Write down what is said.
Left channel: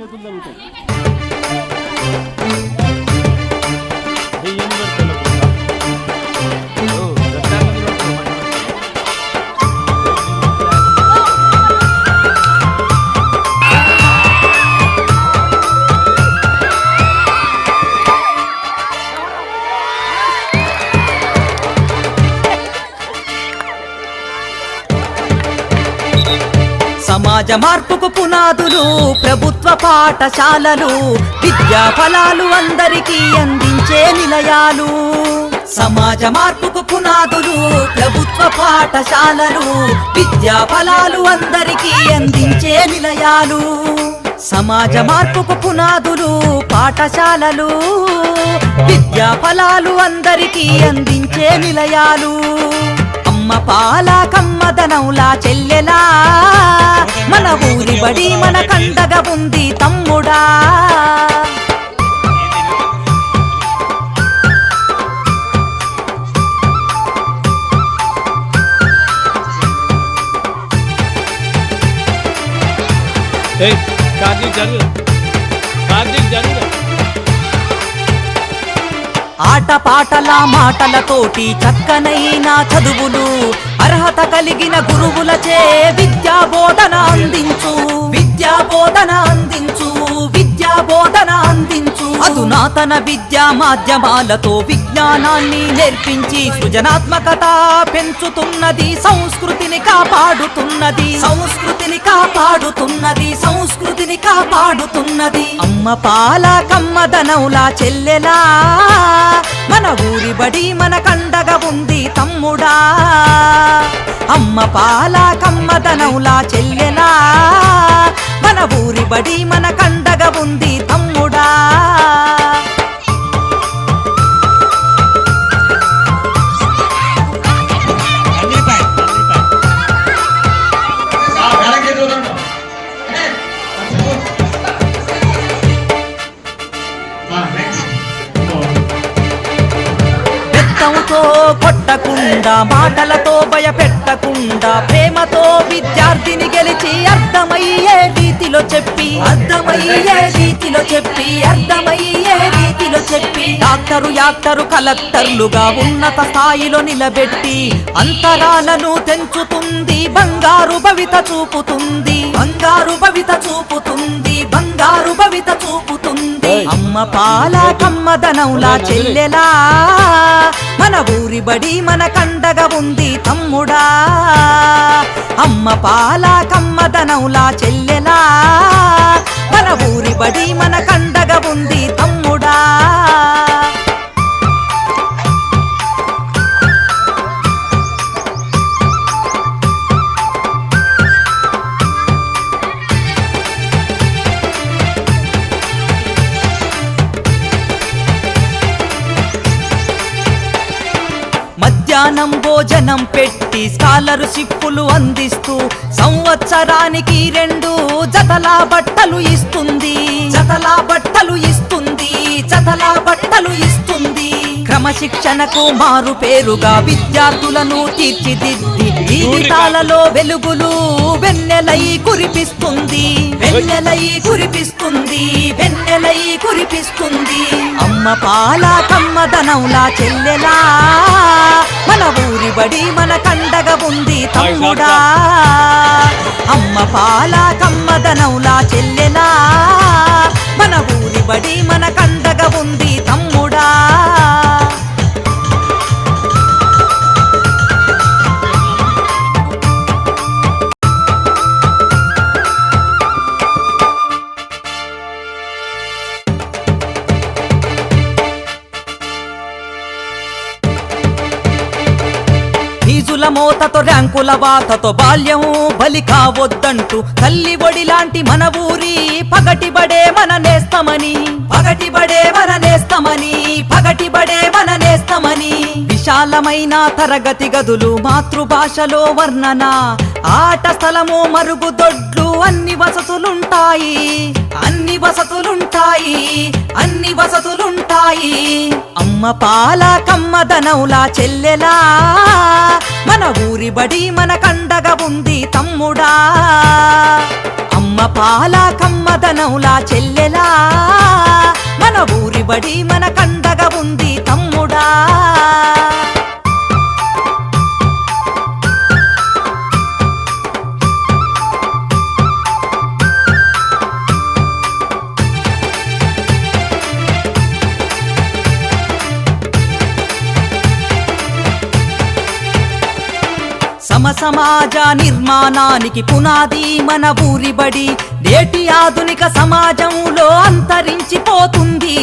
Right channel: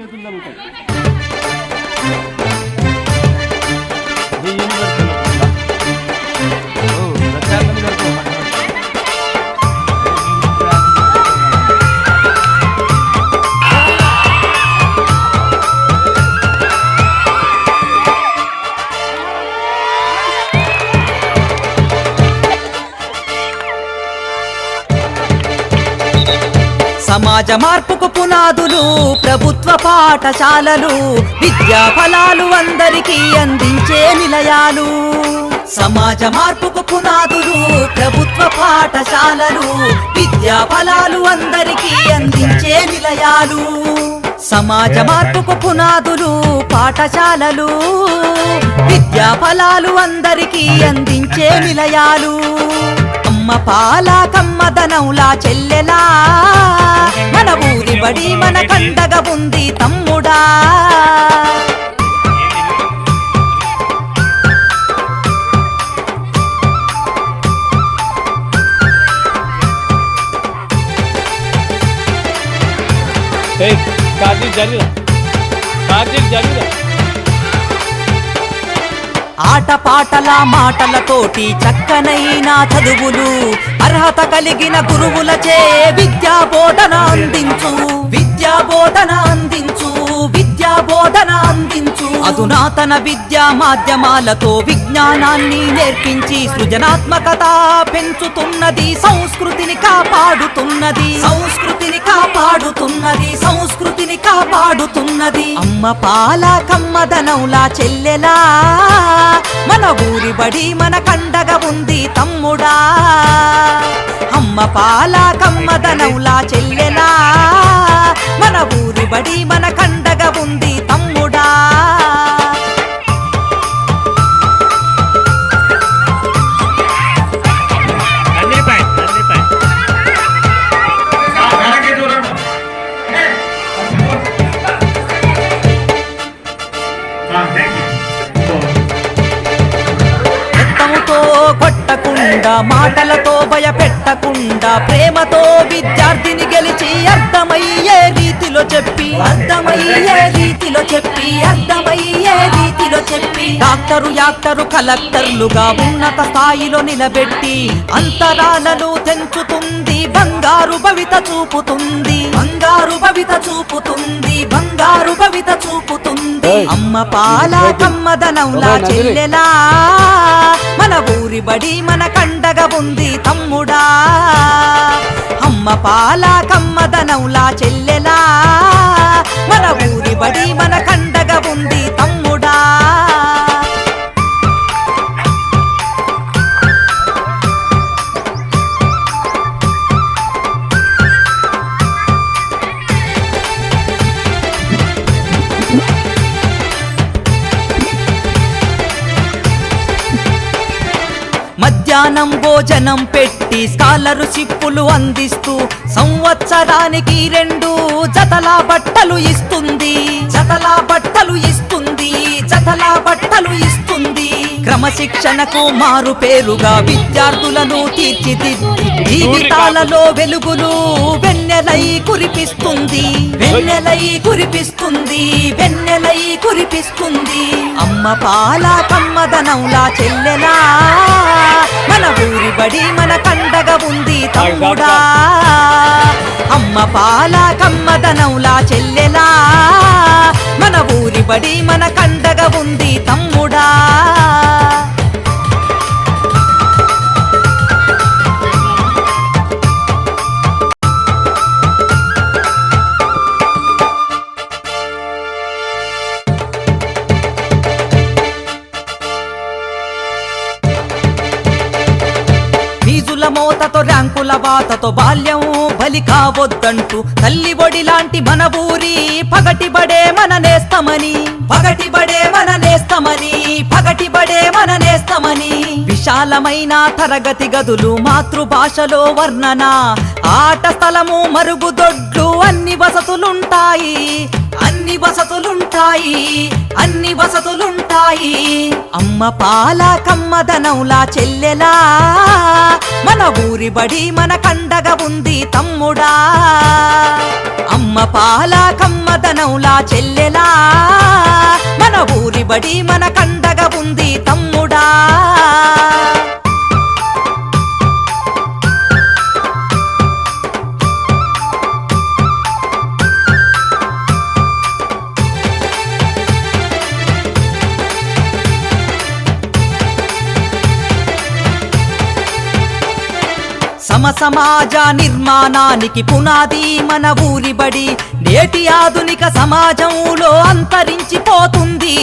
చేతులు కలుగుతాయి. సమాజ మార్పుకు పునాదులు ప్రభుత్వ పాఠశాలలు, విద్యా ఫలాలు అందరికీ అందించే నిలయాలు. సమాజ మార్పుకు పునాదులు ప్రభుత్వ పాఠశాలలు, విద్యా ఫలాలు అందరికీ అందించే నిలయాలు. సమాజ మార్పుకు పునాదులు పాఠశాలలు, విద్యా ఫలాలు అందరికీ అందించే నిలయాలు. అమ్మ పాల కమ్మదనంలా చెల్లెలా, మన ఊరి బడి మన కంటగా ఉంది తమ్ముడా. ఆట పాటల మాటలతోటి చక్కనైన చదువులు, అర్హత కలిగిన గురువులచే విద్యా బోధన అందించు, విద్యా బోధన అందించు, విద్యా బోధన అందించు. అధునాతన విద్యా మాధ్యమాలతో విజ్ఞానాన్ని నేర్పించి సృజనాత్మకత పెంచుతున్నది, సంస్కృతిని కాపాడుతున్నది, సంస్కృతిని కాపాడుతున్నది, సంస్కృతిని కాపాడుతున్నది. అమ్మ పాల కమ్మదనంలా చెల్లెలా, మన ఊరి బడి మన కండగా ఉంది తమ్ముడా. అమ్మ పాల కమ్మదనంలా చెల్లెలా, మన ఊరి బడి మన కండగా ఉంది తమ్ముడా. మాటలతో భయపెట్టకుండా ప్రేమతో విద్యార్థిని గెలిచి అర్థమయ్యే రీతిలో చెప్పి, అర్థమయ్యే రీతిలో చెప్పి, అర్థమయ్యే రీతిలో చెప్పి డాక్టరు యాక్టరు కలెక్టర్లుగా ఉన్నత స్థాయిలో నిలబెట్టి అంతరాలను తెంచుతుంది, బంగారు భవిత చూపుతుంది, బంగారు భవిత చూపుతుంది, బంగారు భవిత చూపుతుంది. అమ్మ పాల కమ్మదనంలా చెల్లెలా, మన ఊరి బడి మన కండగా ఉంది తమ్ముడా. అమ్మ పాల కమ్మదనంలా చెల్లెలా, మన ఊరి బడి మన కండగా ఉంది తమ్ముడా. మధ్యాహ్నం భోజనం పెట్టి స్కాలర్షిప్పులు అందిస్తూ సంవత్సరానికి 2 జతల బట్టలు ఇస్తుంది, జతల బట్టలు ఇస్తుంది, జతల బట్టలు ఇస్తుంది. క్రమశిక్షణకు మారు పేరుగా విద్యార్థులను తీర్చిదిద్ది జీవితాలలో వెలుగులు వెన్నెలై కురిపిస్తుంది, వెన్నెలై కురిపిస్తుంది, వెన్నెలై కురిపిస్తుంది. అమ్మ పాల కమ్మదనంలా చెల్లెలా, మన ఊరి బడి మన కండగా ఉంది తమ్ముడా. అమ్మ పాల కమ్మదనంలా చెల్లెలా, మన ఊరి బడి మన కండగా ఉంది తమ్ముడా. ఫీజుల మోతతో ర్యాంకుల బాతతో బాల్యం బలి కావద్దంటూ తల్లి ఒడి లాంటి మన ఊరి పగటిబడే మన నేస్తమని, పగటిబడే మన నేస్తమని, పగటిబడే మన నేస్తమని. విశాలమైన తరగతి గదులు, మాతృభాషలో వర్ణన, ఆట స్థలము, మరుగుదొడ్లు, అన్ని వసతులుంటాయి, అన్ని వసతులుంటాయి, అన్ని వసతులుంటాయి. అమ్మ పాల కమ్మదనంలా చెల్లెలా, మన ఊరి బడి మన కండగా ఉంది తమ్ముడా. అమ్మ పాల కమ్మదనంలా చెల్లెలా మన ఊరి బడి మన కండగా ఉంది తమ్ముడా. సమాజ నిర్మాణానికి పునాది మన ఊరి బడి. నేటి ఆధునిక సమాజంలో అంతరించిపోతుంది.